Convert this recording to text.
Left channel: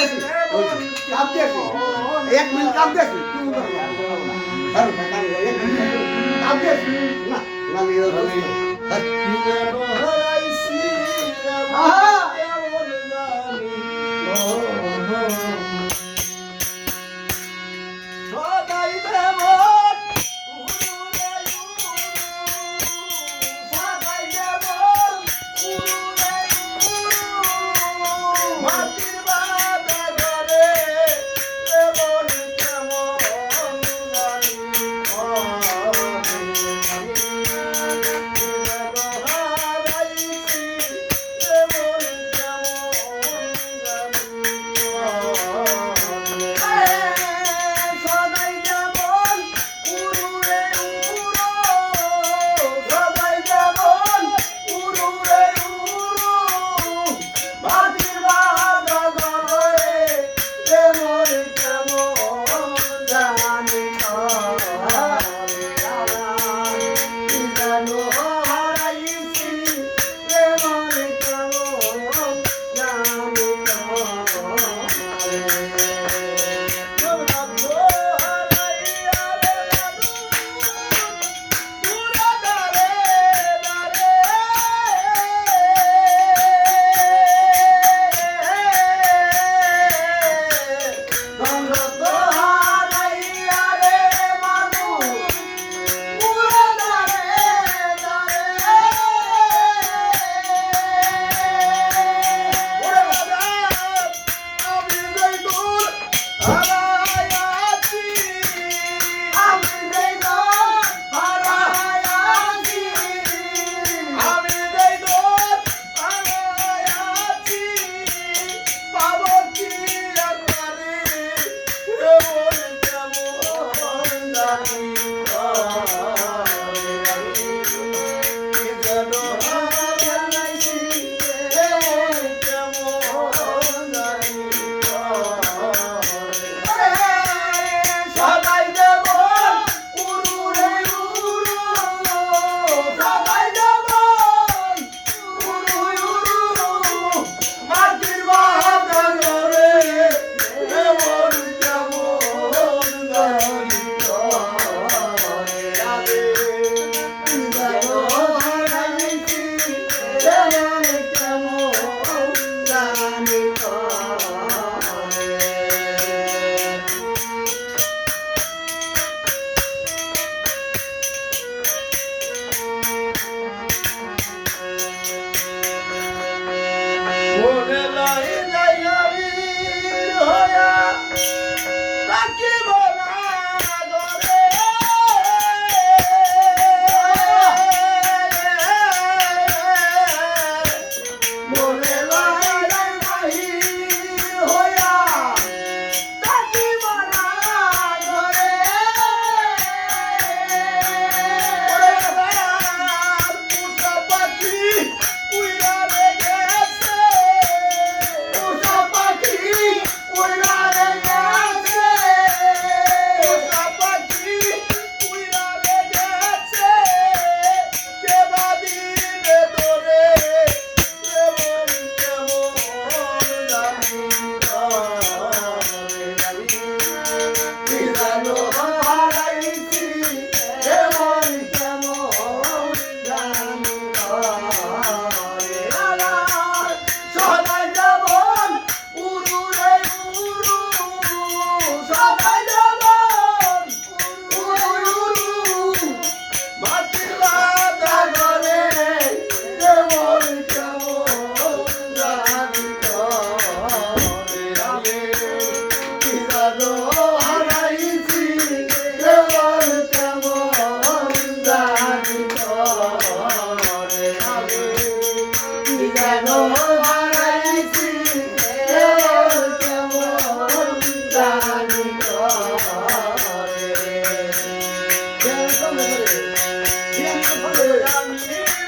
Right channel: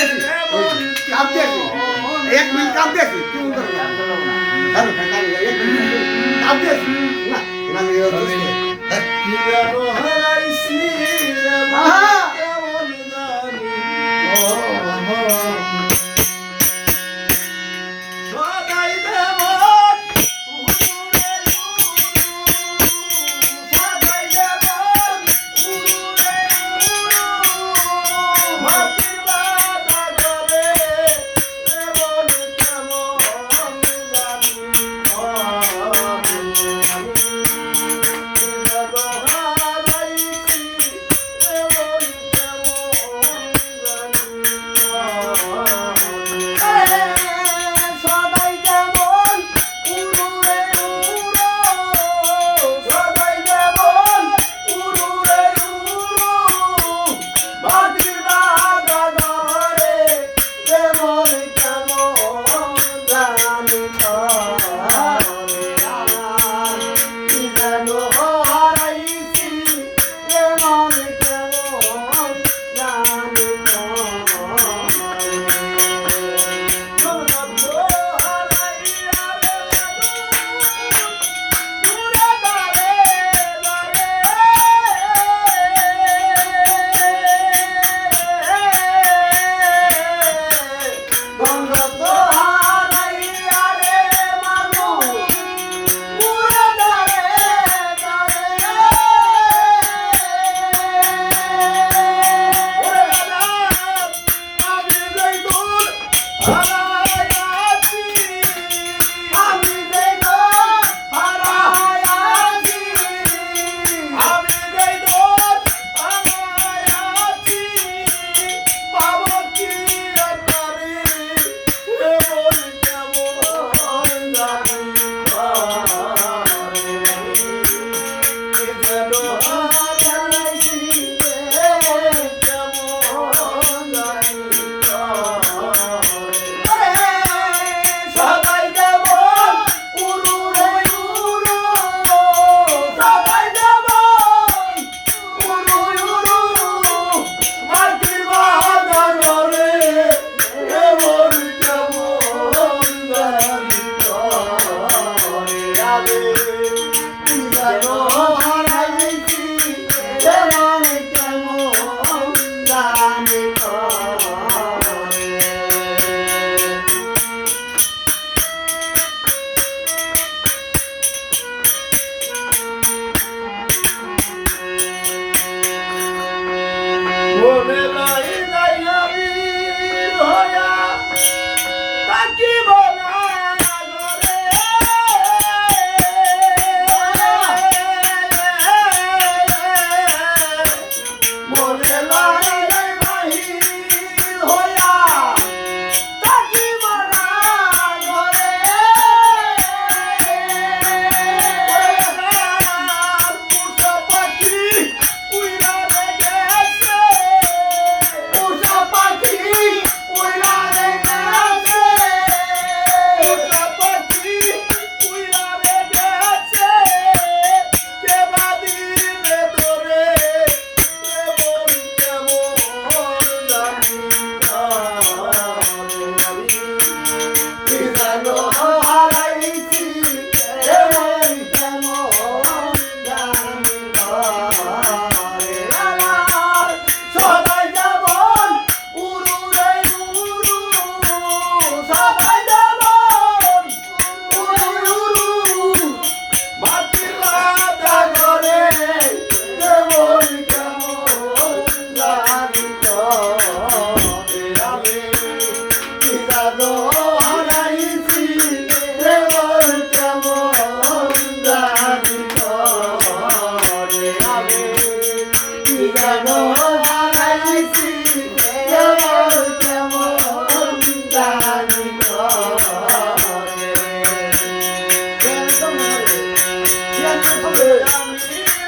দিয়েছি কাপ দিয়েছি এক মিনিট কাপ দিয়েছি কেউ করে না না 啊 Goiânia.